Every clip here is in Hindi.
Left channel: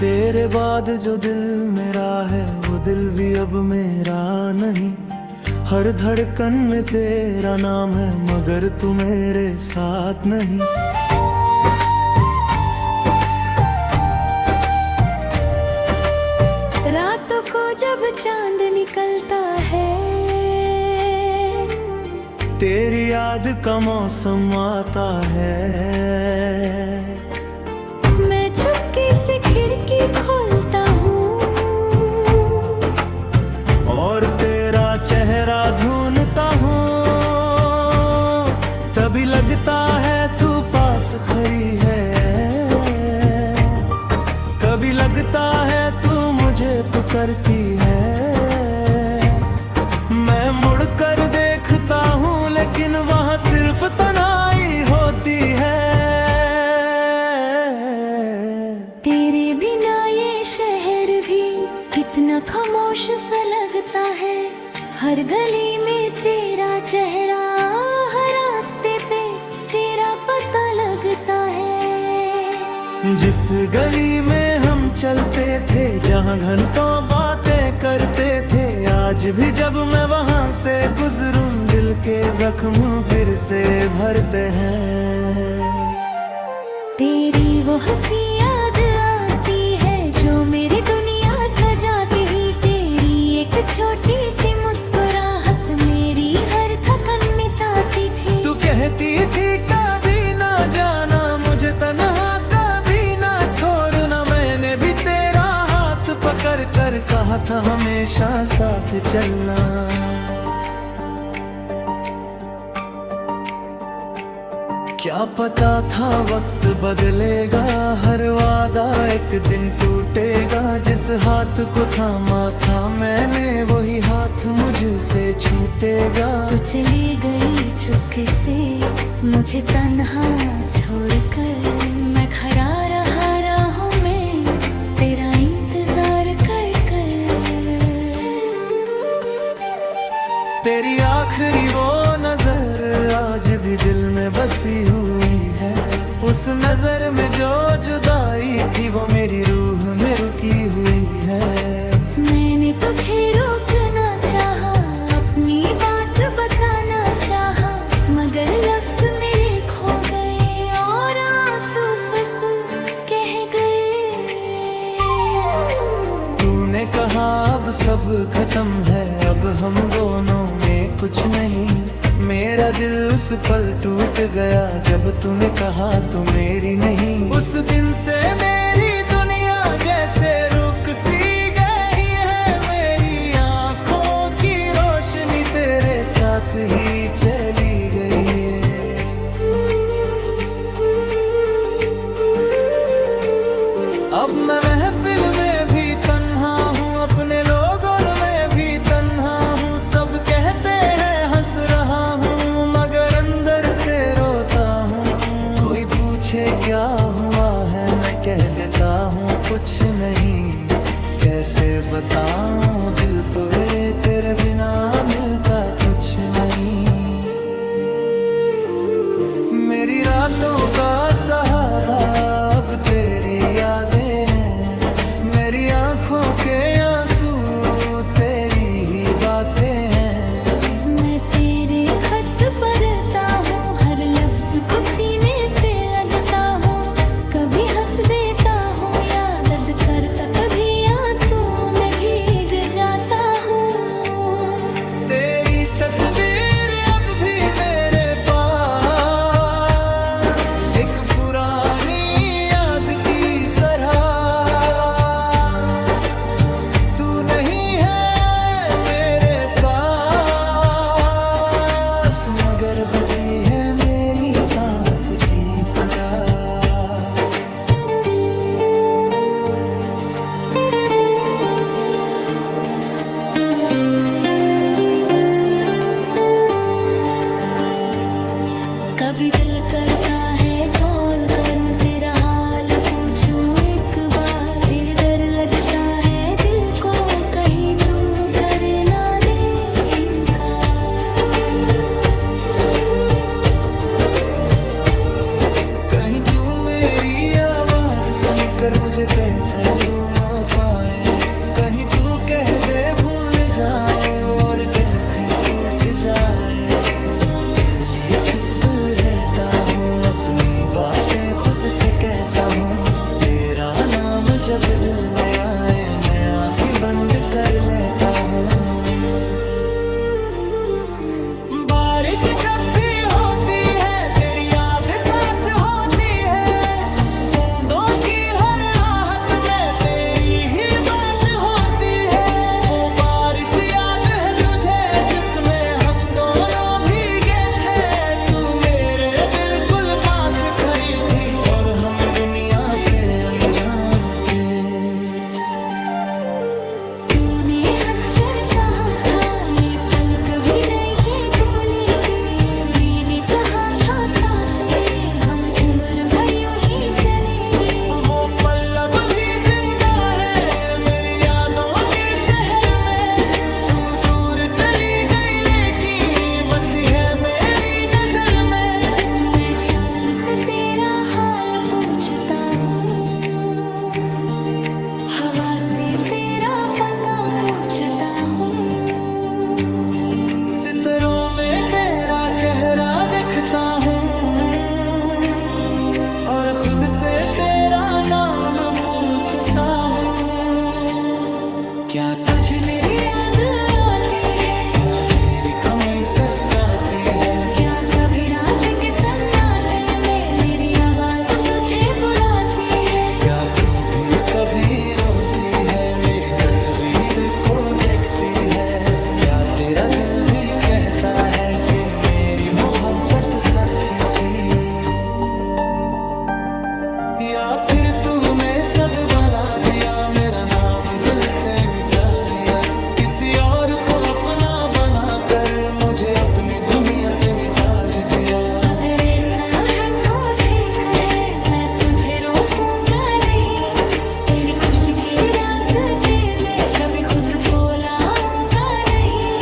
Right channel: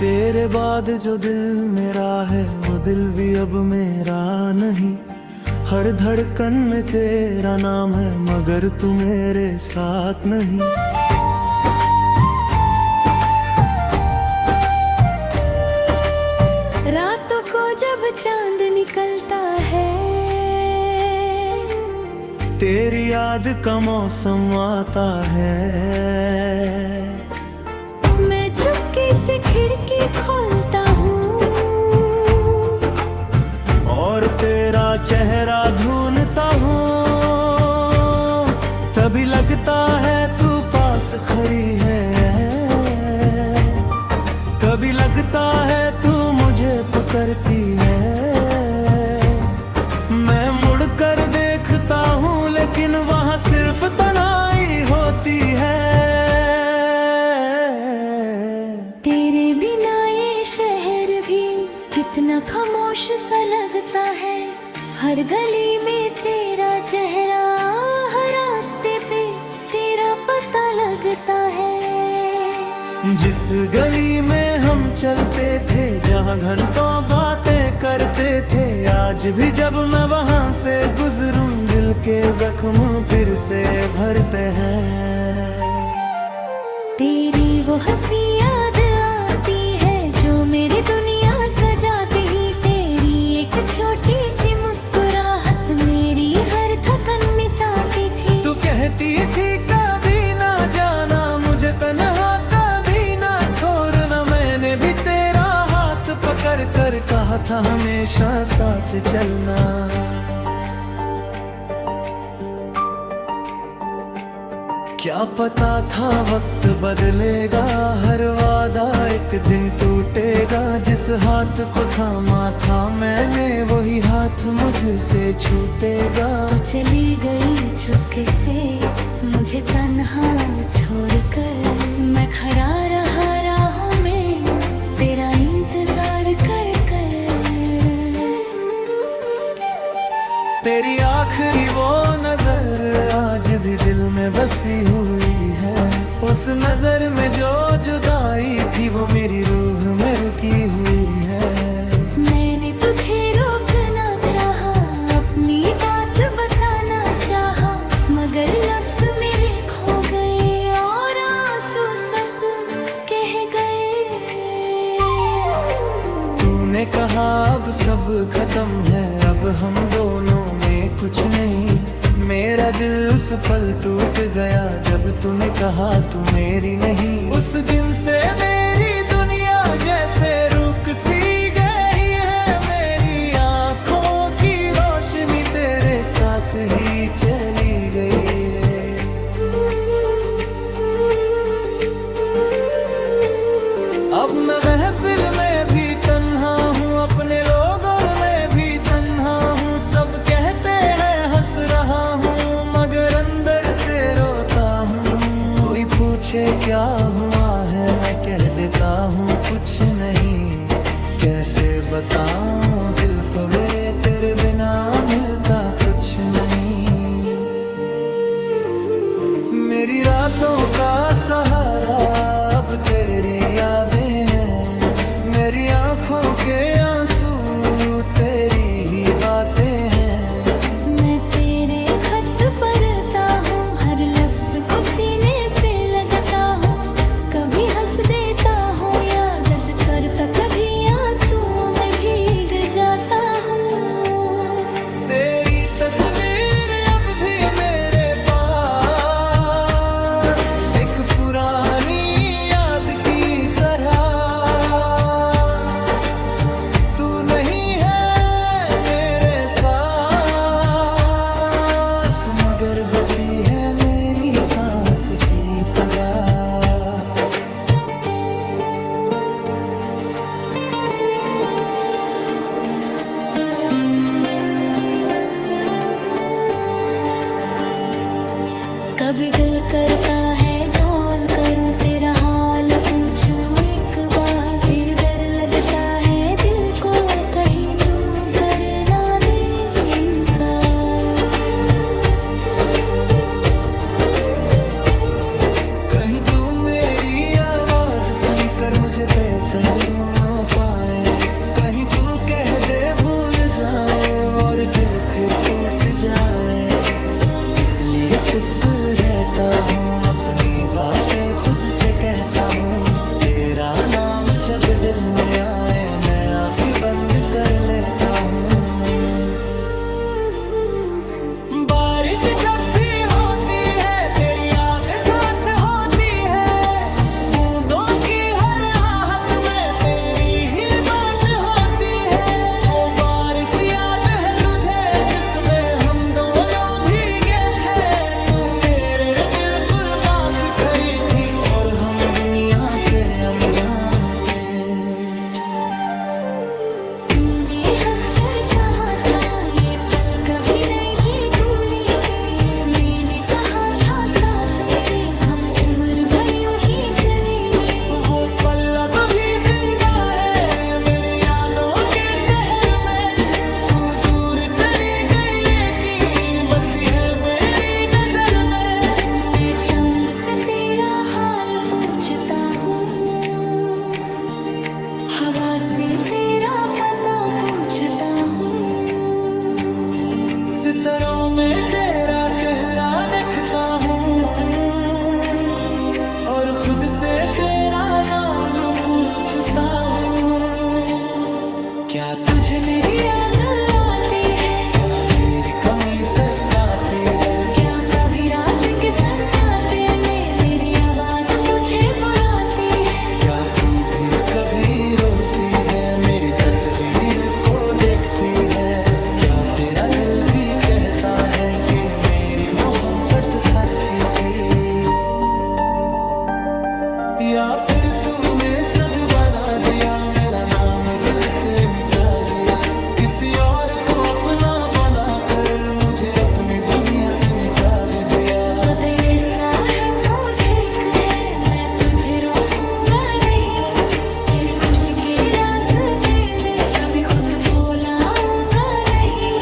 तेरे बाद जो दिल मेरा है वो दिल भी अब मेरा नहीं। हर धड़कन में तेरा नाम है मगर तू मेरे साथ नहीं। रातों को जब चांद निकलता है, तेरी याद का मौसम आता है। मैं चुपके से खिड़की खोलता हूँ और तेरा चेहरा ढूंढता हूँ। तभी लगता है तू पास खड़ी है, कभी लगता है तू मुझे पुकारती है। मैं मुड़कर देखता हूँ लेकिन वहाँ सिर्फ तन्हाई होती है। तेरे बिना ये शहर भी कितना खामोश सा लगता है। हर गली में तेरा चेहरा, हर रास्ते पे तेरा पता लगता है। जिस गली में हम चलते थे, जहाँ घंटों बातें करते थे, आज भी जब मैं वहाँ से गुजरूं दिल के जख्म फिर से भरते हैं। तेरी वो हंसी याद आती है जो मेरी दुनिया सजाती ही। तेरी एक छोटी सी मुस्कुराहट मेरी हर थकन मिटाती थी। तू कहती थी कभी ना जाना मुझे तन्हा, कभी ना छोड़ना। मैंने भी तेरा हाथ पकड़ कर कहा था हमेशा साथ चलना। क्या पता था वक्त बदलेगा, हर वादा एक दिन टूटेगा। जिस हाथ को थामा था मैंने वही हाथ मुझसे छूटेगा। तू चली गई चुपके से मुझे तन्हा छोड़कर। मैं खड़ा रहा राहों में तेरा इंतजार कर कर। तेरी आखिरी वो नजर आज भी दिल में बसी हुई है। उस नजर में जो जुदाई थी वो मेरी रूह में रुकी हुई है। मैंने तुझे रोकना चाहा, अपनी बात बताना चाहा, मगर लफ्ज मेरे खो गए और आंसू सब कह गए। तूने कहा अब सब खत्म है, अब हम दोनों में कुछ नहीं। मेरा दिल उस पल टूट गया जब तूने कहा तू मेरी नहीं। उस दिन से मेरी दुनिया जैसे रुक सी गई है। मेरी आँखों की रोशनी तेरे साथ ही चली गई है। अब मैं महफिल में भी तन्हा हूँ, अपने लोगों में भी तन्हा हूँ। सब कहते हैं हंस रहा हूँ मगर अंदर से रोता हूँ। कोई पूछे क्या हुआ है मैं कह देता हूँ कुछ नहीं। कैसे बताऊँ दिल को मेरे तेरे बिना मिलता कुछ नहीं। मेरी रातों का सहारा अब तेरी यादें हैं। मेरी आँखों के आंसू तेरी ही बातें हैं। मैं तेरे खत पढ़ता हूँ, हर लफ्ज को सीने से लगता हूँ। कभी हंस देता हूँ याद करता, कभी आंसू में भीग जाता हूँ। तेरी तस्वीर अब भी मेरे पास एक पुरानी याद की तरह। तू नहीं है मेरे साथ मगर बसी है मेरी सांस की तरह। कभी दिल करता है कॉल करूं, तेरा हाल पूछूं एक बार। फिर डर लगता है दिल को, कहीं तू कर ना दे इनकार। कहीं तू मेरी आवाज सुनकर मुझे पहचान ना पाए, कहीं तू कह दे भूल जाओ और दिल फिर टूट जाए। इसलिए चुप रहता हूँ, अपनी बातें खुद से कहता हूँ। तेरा नाम जब दिल में आए मैं आंखें बंद कर लेता हूँ। बारिश जब भी होती है तेरी याद साथ होती है, बूंदों की हर आहट में तेरी ही बात होती है। वो बारिश याद है तुझे जिसमें हम दोनों खरी थी और हम दुनिया से अनजान थे। तूने हंसकर कहा था ये पल कभी नहीं भूलेंगे, मैंने कहा था साथ मेरे हम उम्र भर यूं ही चलेंगे। वो पल अब भी जिंदा है मेरी यादों के शहर में, तू दूर चली गई लेकिन बसी है मेरी नजर में। मैं चांद से तेरा हाल पूछता हूँ, हवा से तेरा पता पूछता हूँ। सितारों में तेरा चेहरा देखता हूँ और खुद से तेरा नाम पूछता हूँ। क्या तुझे मेरी याद आती है? क्या मेरी कमी सताती है? क्या कभी रात के सन्नाटे में मेरी आवाज तुझे बुलाती है? क्या तू भी कभी रोती है मेरी तस्वीर को देखती है? क्या तेरा दिल भी कहता है कि मेरी मोहब्बत सच्ची थी? या फिर तूने सब बना दिया, मेरा नाम दिल से मिटा दिया, किसी और को अपना बनाकर मुझे अपनी दुनिया से निकाल दिया। तो तेरे साहब हो ठीक है, मैं तुझे रोकूंगा नहीं, तेरी खुशी के रास्ते में कभी खुद को लाऊंगा नहीं।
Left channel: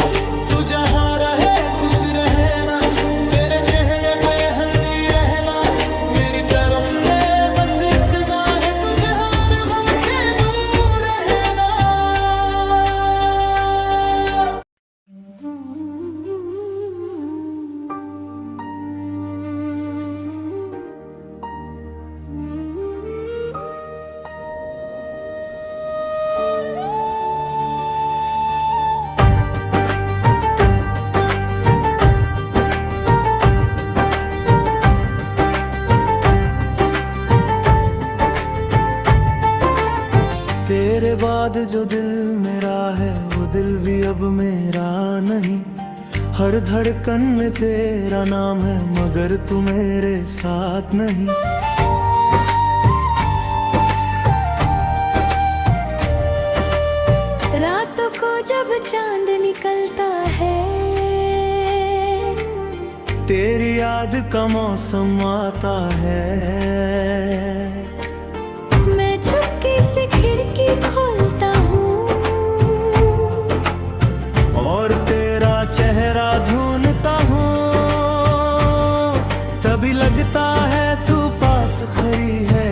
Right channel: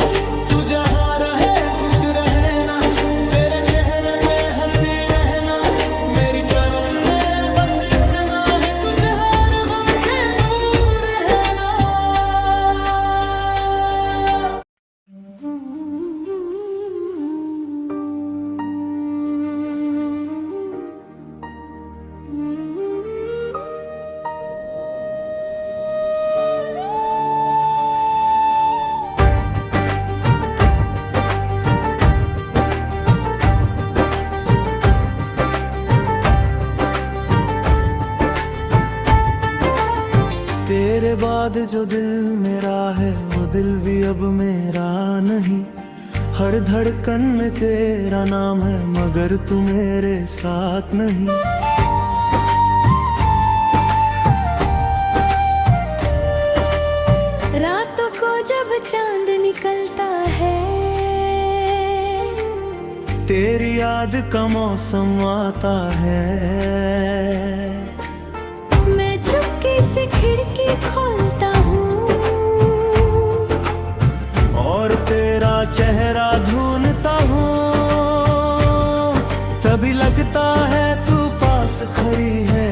तू जहाँ रहे खुश रहे ना, तेरे चेहरे पे हंसी रहना, मेरी तरफ से बस इतना है तुझे हर गम से दूर रहना। तेरे बाद जो दिल मेरा है वो दिल भी अब मेरा नहीं, हर धड़कन में तेरा नाम है मगर तू मेरे साथ नहीं। रातों को जब चांद निकलता है, तेरी याद का मौसम आता है, मैं चुपके से खिड़की खोलता हूँ और तेरा चेहरा ढूंढता हूँ। तभी लगता है तू पास खड़ी है,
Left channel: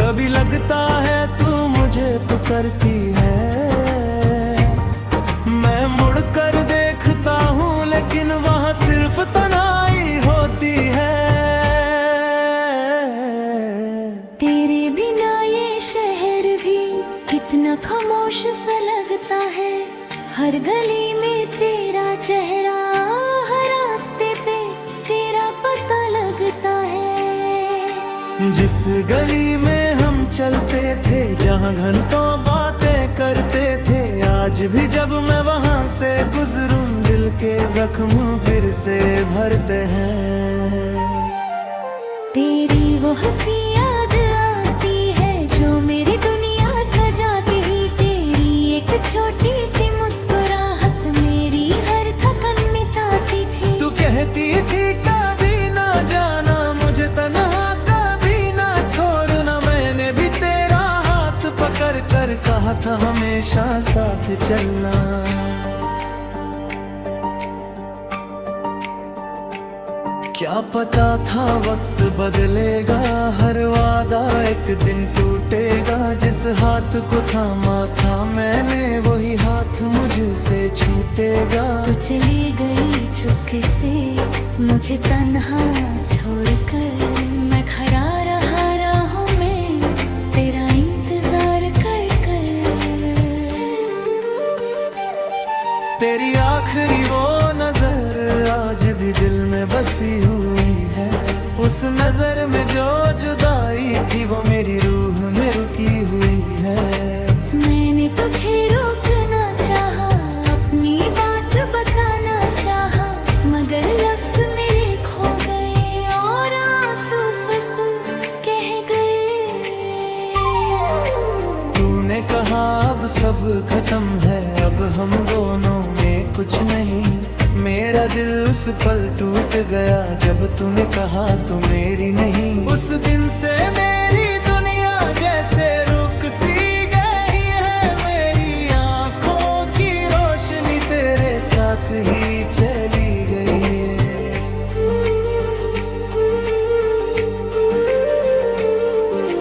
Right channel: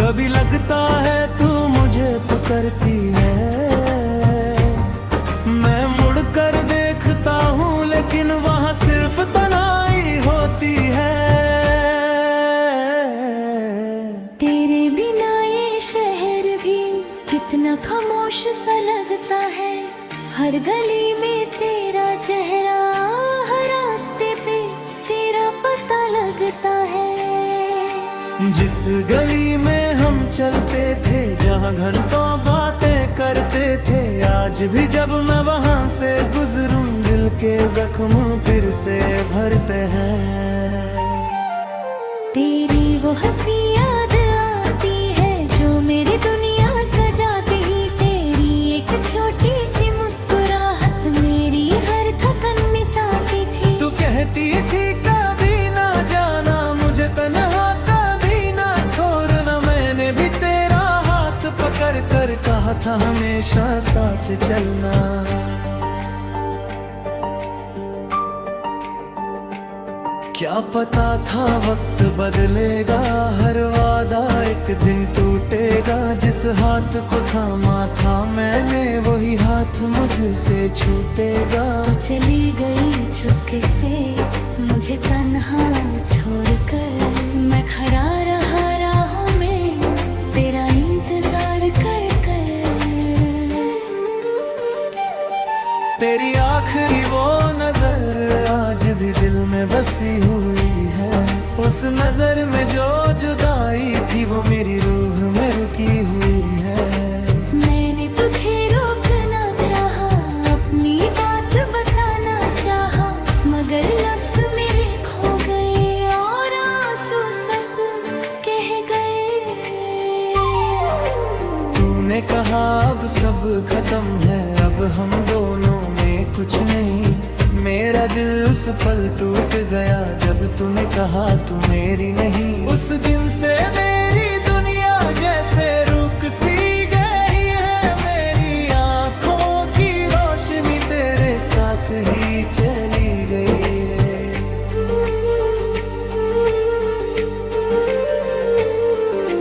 कभी लगता है तू मुझे पुकारती है। मैं मुड़कर देखता हूँ लेकिन वहाँ सिर्फ तन्हाई होती है। तेरे बिना ये शहर भी कितना खामोश सा लगता है, हर गली में तेरा चेहरा, हर रास्ते पे तेरा पता लगता है। जिस गली में हम चलते थे, जहाँ घंटों बातें करते थे, आज भी जब मैं वहाँ से गुजरूं दिल के जख्म फिर से भरते हैं। तेरी वो हंसी याद आती है जो मेरी दुनिया सजाती, तेरी एक छोटी सी मुस्कुराहट मेरी हर थकन मिटाती थी। तू कह कहती थी कभी ना जाना मुझे तन्हा, कभी ना छोड़ना। मैंने भी तेरा हाथ पकड़ कर कहा था हमेशा साथ चलना। क्या पता था वक्त बदलेगा, हर वादा एक दिन टूटेगा। जिस हाथ को थामा था मैंने वही हाथ मुझसे छूटेगा। तू चली गई चुपके से मुझे तन्हा छोड़कर, मैं खड़ा रहा राहों में तेरा इंतजार कर कर। तेरी आखिरी वो नजर आज भी दिल में बसी हुई है। उस नजर में जो जुदाई थी वो मेरी रूह में रुकी हुई है। मैंने तुझे रोकना चाहा, अपनी बात बताना चाहा, मगर लफ्ज मेरे खो गए और आंसू सब कह गए। तूने कहा अब सब खत्म है, अब हम दोनों में कुछ नहीं। मेरा दिल उस पल टूट गया जब तूने कहा तू मेरी नहीं। उस दिन से मेरी दुनिया जैसे रुक सी गई है। मेरी आँखों की रोशनी तेरे साथ ही चली गई है।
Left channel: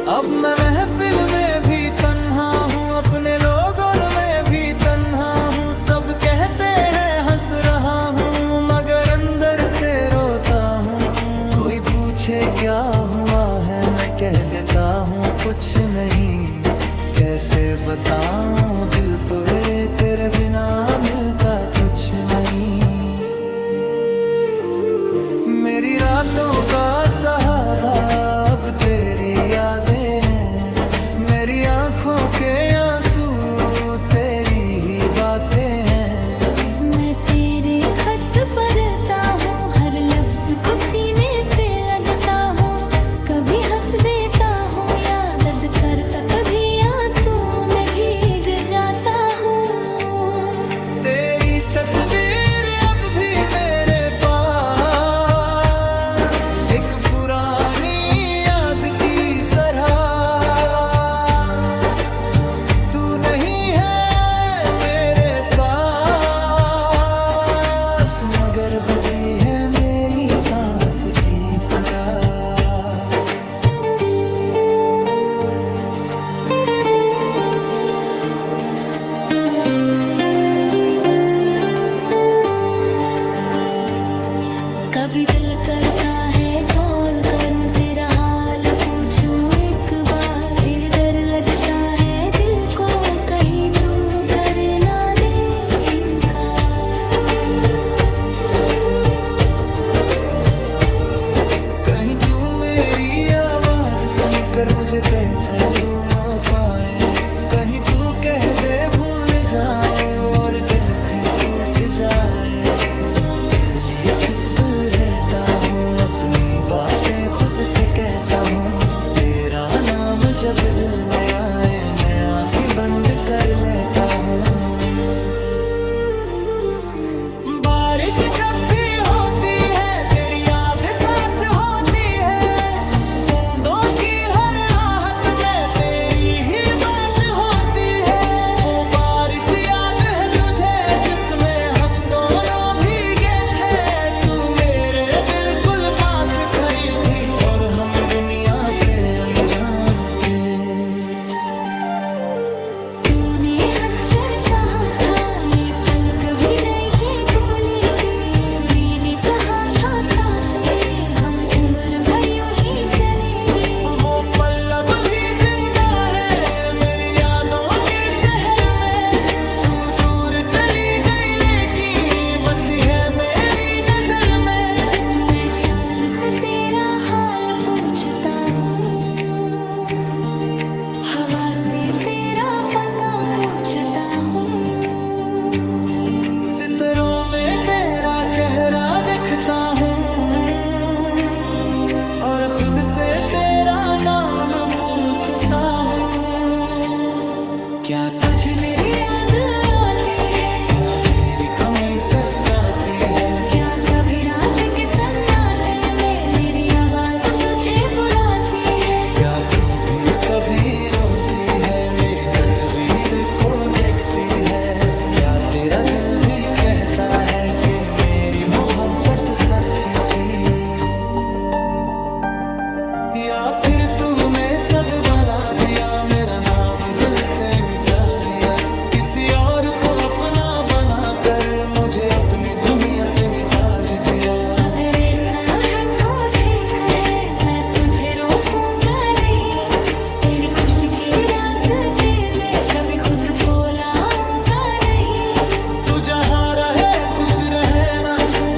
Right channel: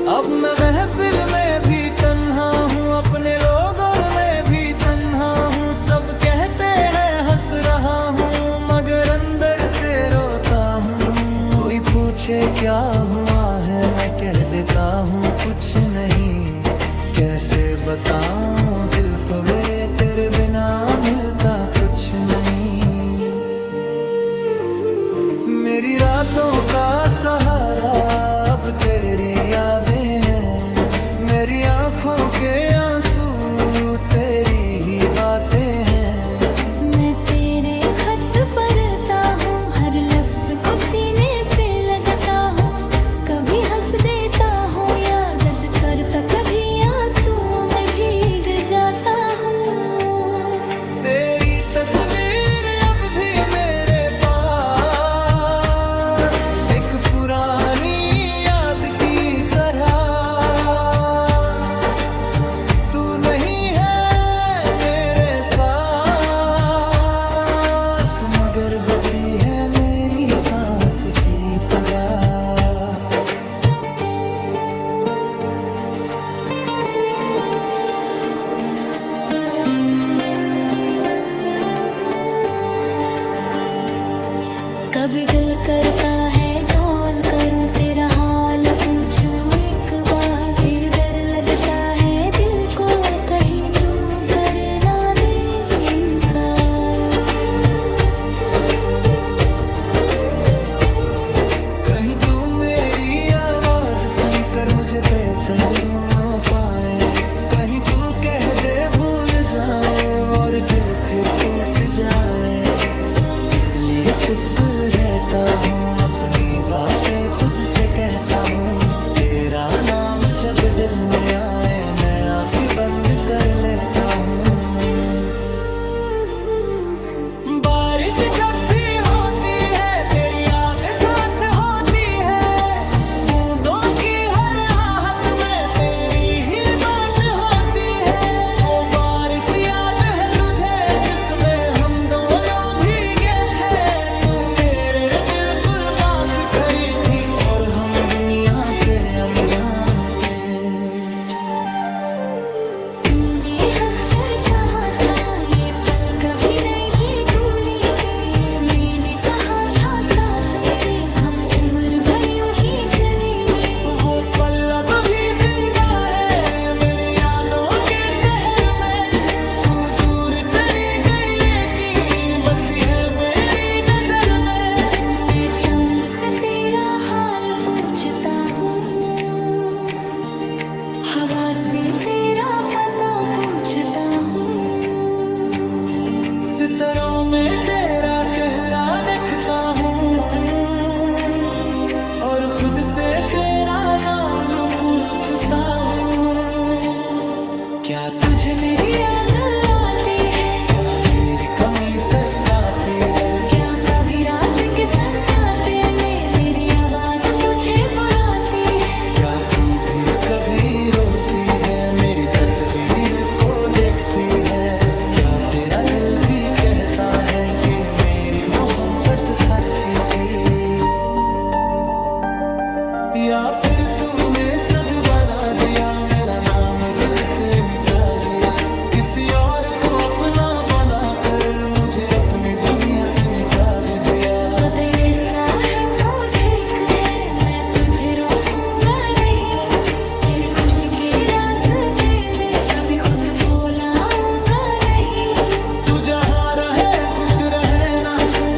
अब मैं महफिल में भी तन्हा हूँ, अपने लोगों में भी तन्हा हूँ। सब कहते हैं हंस रहा हूँ मगर अंदर से रोता हूँ। कोई पूछे क्या हुआ है मैं कह देता हूँ कुछ नहीं। कैसे बताऊँ दिल को मेरे तेरे बिना मिलता कुछ नहीं। मेरी रातों का सहारा अब तेरी यादें हैं। मेरी आँखों के आंसू तेरी ही बातें हैं। मैं तेरे खत पढ़ता हूँ, हर लफ्ज को सीने से लगता हूँ। कभी हंस देता हूँ या दर्द करता, कभी आंसू में भीग जाता हूँ। तेरी तस्वीर अब भी मेरे एक पुरानी याद की तरह। तू नहीं है मेरे साथ मगर बसी है मेरी सांस की तरह। कभी दिल करता है कॉल करूं, तेरा हाल पूछूं एक बार। फिर डर लगता है दिल को कहीं तू कर ना दे इनकार। कहीं तू मेरी आवाज सुनकर मुझे पहचान ना पाए। कहीं तू कह दे भूल जाओ और दिल फिर टूट जाए। इसलिए चुप रहता हूँ, अपनी बातें खुद से कहता हूँ। तेरा नाम जब दिल में आए मैं आंखें बंद कर लेता हूँ। बारिश जब भी होती है तेरी याद साथ होती है। बूंदों की हर आहट में तेरी ही बात होती है। वो बारिश याद है तुझे जिसमें हम दोनों खरी थी और हम दुनिया से अनजान थे। तूने हंसकर कहा था ये पल कभी नहीं भूलेंगे। मैंने कहा था साथ मेरे हम उम्र भर यूं ही चलेंगे। वो पल अब भी जिंदा है मेरी यादों के शहर में। तू दूर चली गई लेकिन बसी है मेरी नजर में। मैं चंद से तेरा हाल पूछता हूँ, हवा से तेरा पता पूछता हूँ। सितारों में तेरा चेहरा देखता हूँ और खुद से तेरा नाम पूछता हूँ। क्या तुझे मेरी याद आती है? क्या मेरी कमी सताती है? क्या कभी रात के सन्नाटे में मेरी आवाज तुझे बुलाती है। क्या तू भी कभी रोती है, मेरी तस्वीर को देखती है? क्या तेरा दिल भी कहता है कि मेरी मोहब्बत सच्ची थी? या फिर तूने सब बना दिया, मेरा नाम दिल से मिटा दिया, किसी और को अपना बनाकर मुझे अपनी दुनिया से निकाल दिया। तेरे साहब हो ठीक है, मैं तुझे रोकूंगा नहीं, तेरी खुशी के रास्ते में कभी खुद को लाऊंगा नहीं। तू जहाँ रहे खुश रहे ना,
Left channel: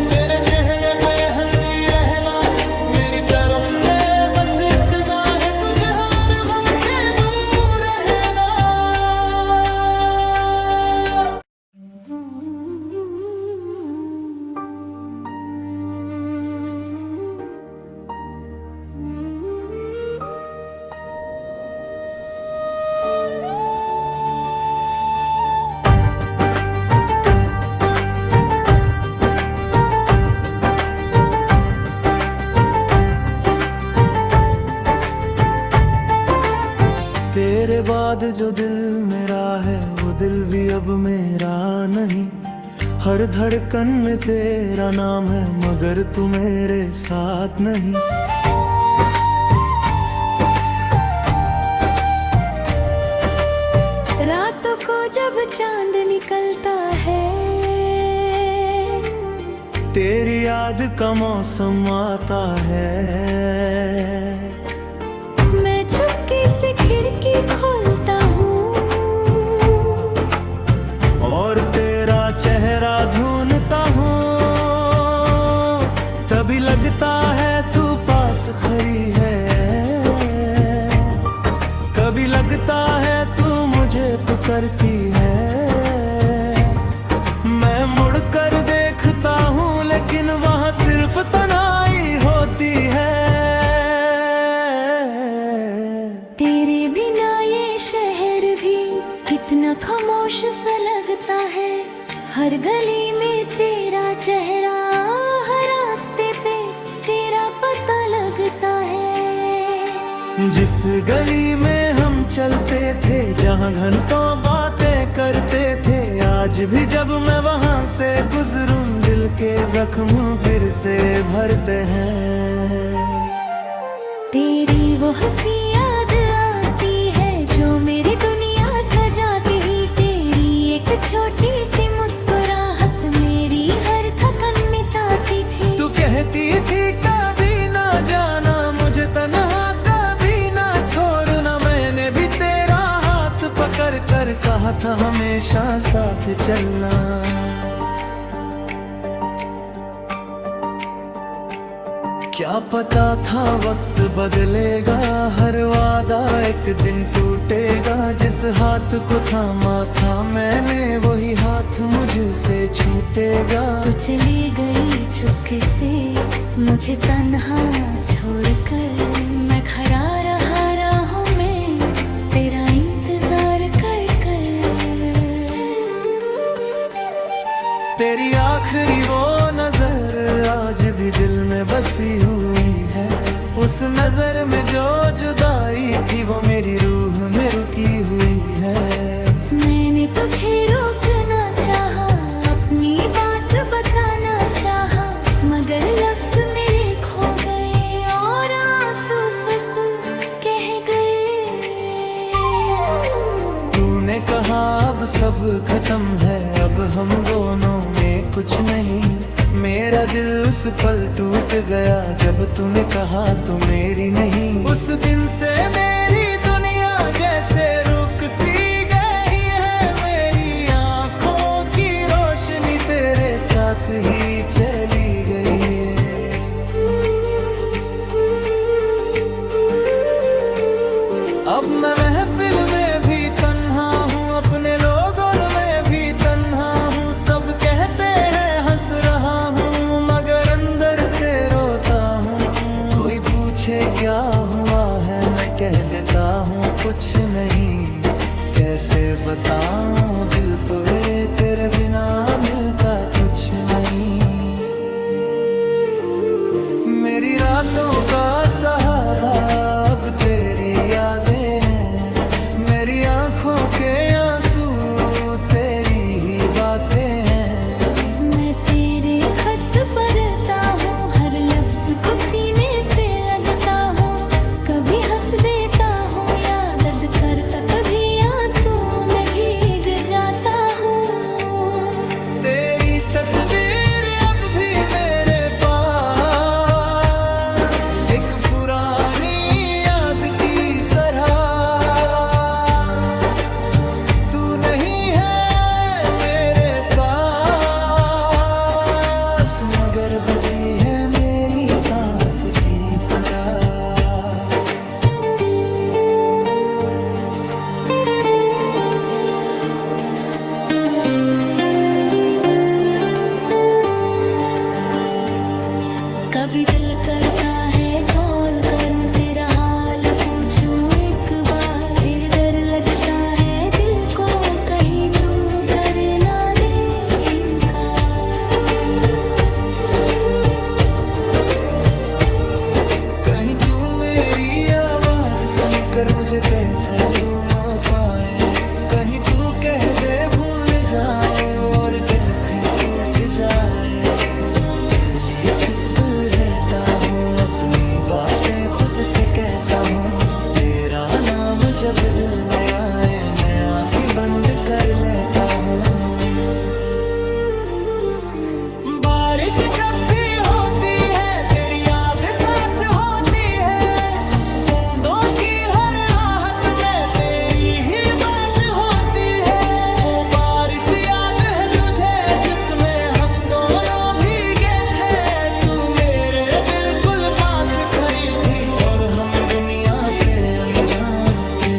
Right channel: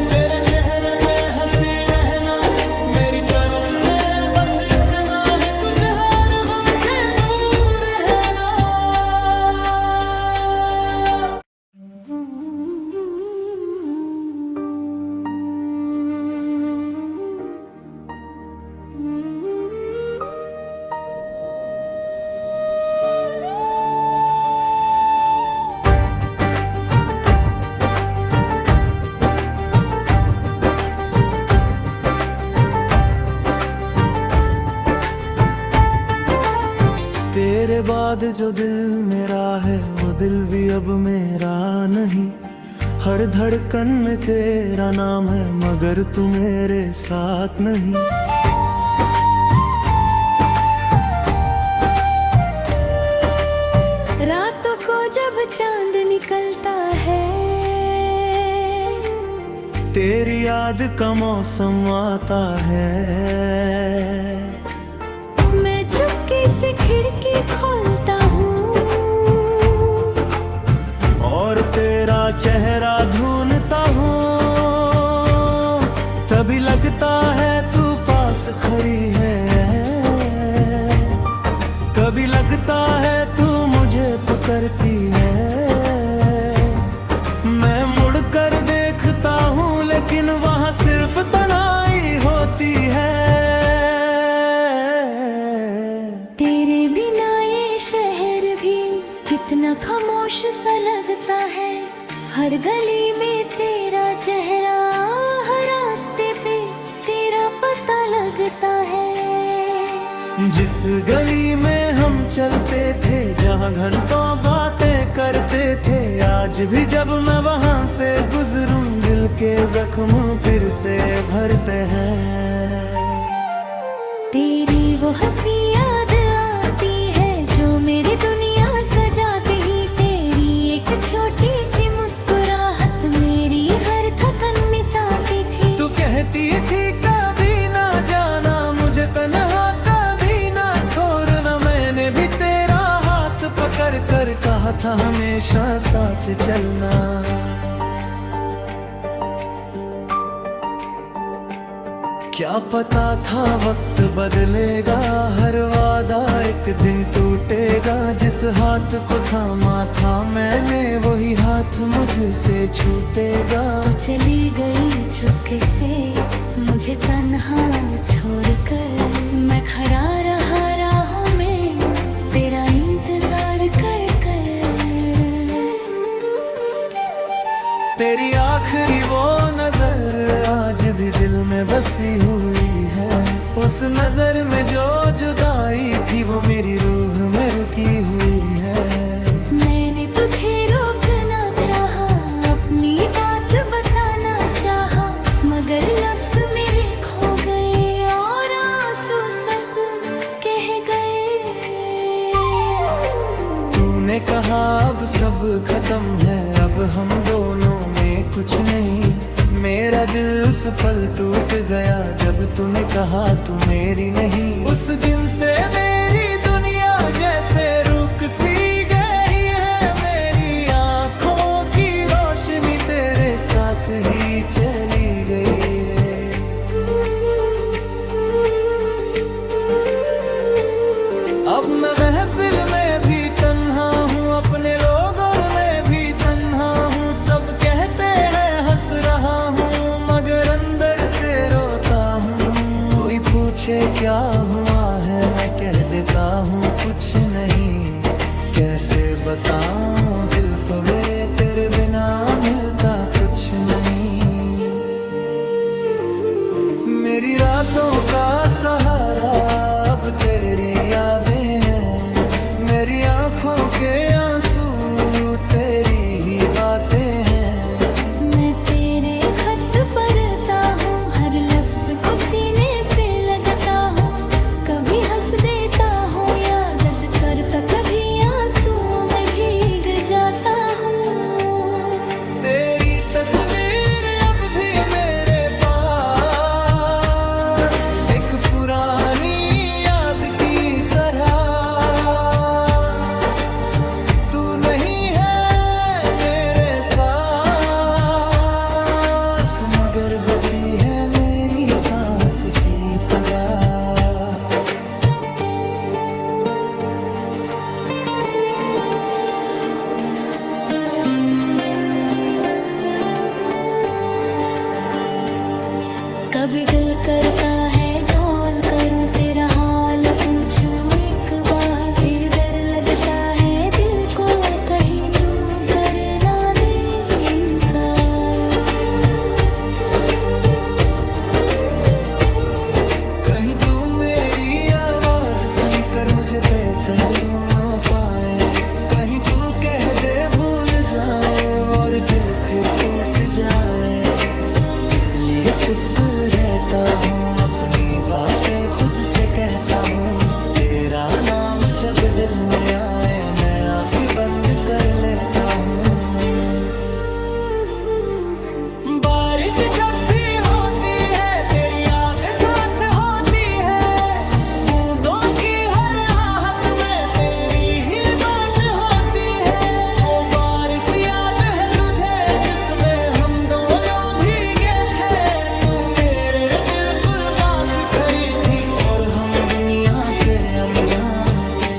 तेरे चेहरे पे हंसी रहना, मेरी तरफ से बस इतना है, तुझे हर गम से दूर रहना। तेरे बाद जो दिल मेरा है, वो दिल भी अब मेरा नहीं। हर धड़कन में तेरा नाम है, मगर तू मेरे साथ नहीं। रातों को जब चांद निकलता है, तेरी याद का मौसम आता है। मैं चुपके से खिड़की खोलता हूँ और तेरा चेहरा ढूंढता हूँ, तभी लगता है तू पास खड़ी है। कभी लगता है तू मुझे पुकारती है। मैं मुड़कर देखता हूँ, लेकिन वहाँ सिर्फ तन्हाई होती है। तेरे बिना ये शहर भी कितना खामोश सा लगता है। हर गली में तेरा चेहरा, हर रास्ते पे तेरा पता लगता है। जिस गली में हम चलते थे, जहाँ घंटों बातें करते थे, आज भी जब मैं वहाँ से गुजरूं, दिल के जख्म फिर से भरते हैं। तेरी वो हंसी याद आती है, जो मेरी दुनिया सजाती। तेरी एक छोटी सी मुस्कुराहट मेरी हर थकन मिटाती थी। तू कहती थी कभी ना जाना मुझे तन्हा, कभी ना छोड़ना। मैंने भी तेरा हाथ पकड़ कर कहा था हमेशा साथ चलना। क्या पता था वक्त बदलेगा, हर वादा एक दिन टूटेगा। जिस हाथ को थामा था मैंने, वही हाथ मुझसे छूटेगा। तू चली गई चुपके से मुझे तन्हा छोड़कर, मैं खड़ा रहा राहों में तेरा इंतजार कर कर। तेरी आखिरी वो नजर आज भी दिल में बसी हुई है। उस नजर में जो जुदाई थी, वो मेरी रूह में रुकी हुई है। मैंने तुझे रोकना चाहा, अपनी बात बताना चाहा, मगर लफ्ज मेरे खो गए और आंसू सब कह गए। तूने कहा अब सब खत्म है, अब हम दोनों में कुछ नहीं। मेरा दिल उस पल टूट गया, जब तूने कहा तू मेरी नहीं। उस दिन से मेरी दुनिया जैसे रुक सी गई है। मेरी आँखों की रोशनी तेरे साथ ही चली गई है। अब मैं महफिल में भी तन्हा हूँ, अपने लोगों में भी तन्हा हूँ। सब कहते हैं हंस रहा हूँ, मगर अंदर से रोता हूँ। कोई पूछे क्या हुआ है, मैं कह देता हूँ कुछ नहीं। कैसे बताऊँ दिल को मेरे, तेरे बिना मिलता कुछ नहीं। मेरी रातों का सहारा अब तेरी यादें हैं, मेरी आंखों के आंसू तेरी ही बातें हैं। मैं तेरे खत पढ़ता हूँ, हर लफ्ज को सीने से लगता हूँ। कभी हंस देता हूँ या दर्द करता, कभी आंसू में भीग जाता हूँ। तेरी तस्वीर अब भी मेरे पास एक पुरानी याद की तरह। तू नहीं है मेरे साथ, मगर बसी है मेरी सांस की तरह। कभी दिल करता है कॉल करूं, तेरा हाल पूछूं एक बार। फिर डर लगता है दिल को, कहीं तू कर ना दे इनकार। कहीं तू मेरी आवाज सुनकर मुझे पहचान ना पाए, कहीं तू कह दे भूल जाओ और दिल फिर टूट जाए। इसलिए चुप रहता हूँ, अपनी बातें खुद से कहता हूँ। तेरा नाम जब दिल में आए मैं आंखें बंद कर लेता हूँ। बारिश जब भी होती है तेरी याद साथ होती है, बूंदों की हर आहट में तेरी ही बात होती है। वो बारिश याद है तुझे जिसमें हम दोनों खरी थी और हम दुनिया से अनजान के।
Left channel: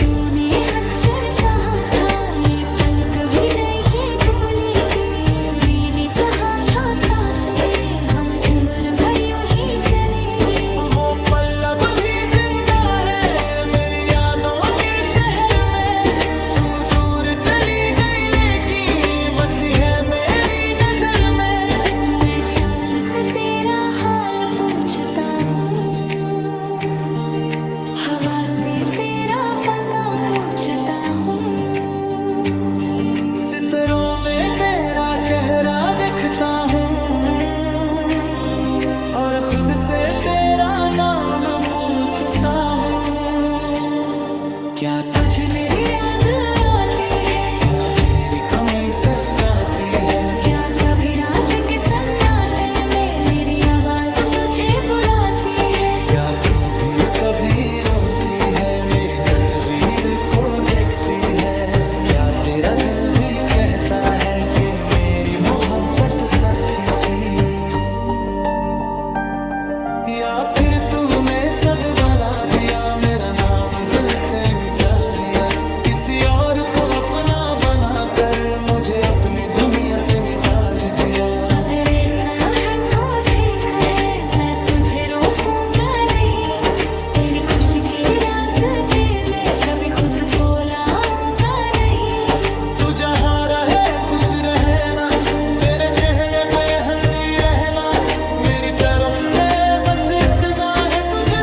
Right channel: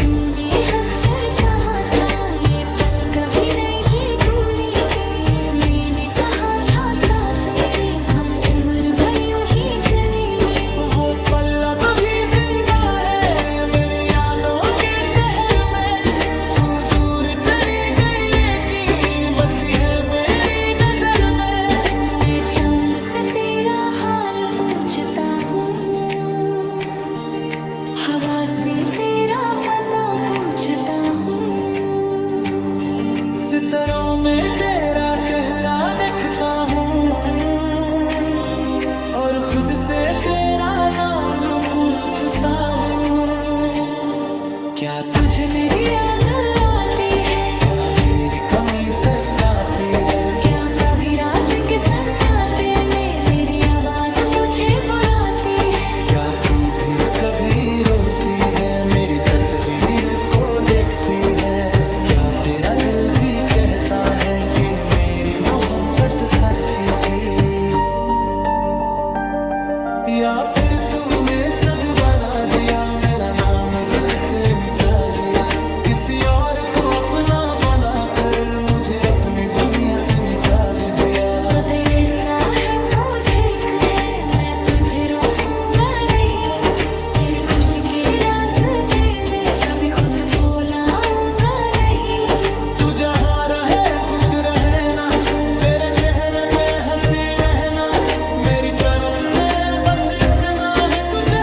तूने हंसकर कहा था ये पल कभी नहीं भूलेंगे। मैंने कहा था साथ मेरे हम उम्र भर यूं ही चलेंगे। वो पल अब भी जिंदा है मेरी यादों के शहर में। तू दूर चली गई लेकिन बसी है मेरी नजर में। मैं चांद से तेरा हाल पूछता हूँ, हवा से तेरा पता पूछता हूँ। सितारों में तेरा चेहरा देखता हूँ और खुद से तेरा नाम पूछता हूँ। क्या तुझे मेरी याद आती है? क्या मेरी कमी सताती है? क्या कभी रात के सन्नाटे में मेरी आवाज तुझे बुलाती है? क्या तू भी कभी रोती है मेरी तस्वीर को देखती है? क्या तेरा दिल भी कहता है कि मेरी मोहब्बत सच्ची थी? या फिर तूने सब बना दिया, मेरा नाम दिल से मिटा दिया। किसी और को अपना बनाकर मुझे अपनी दुनिया से निकाल दिया। तेरे साहब हो ठीक है, मैं तुझे रोकूंगा नहीं। तेरी खुशी के रास्ते में कभी खुद को लाऊंगा नहीं। तू जहाँ रहे खुश रहे ना, तेरे चेहरे पे हंसी रहना। मेरी तरफ से बस इतना है तुझे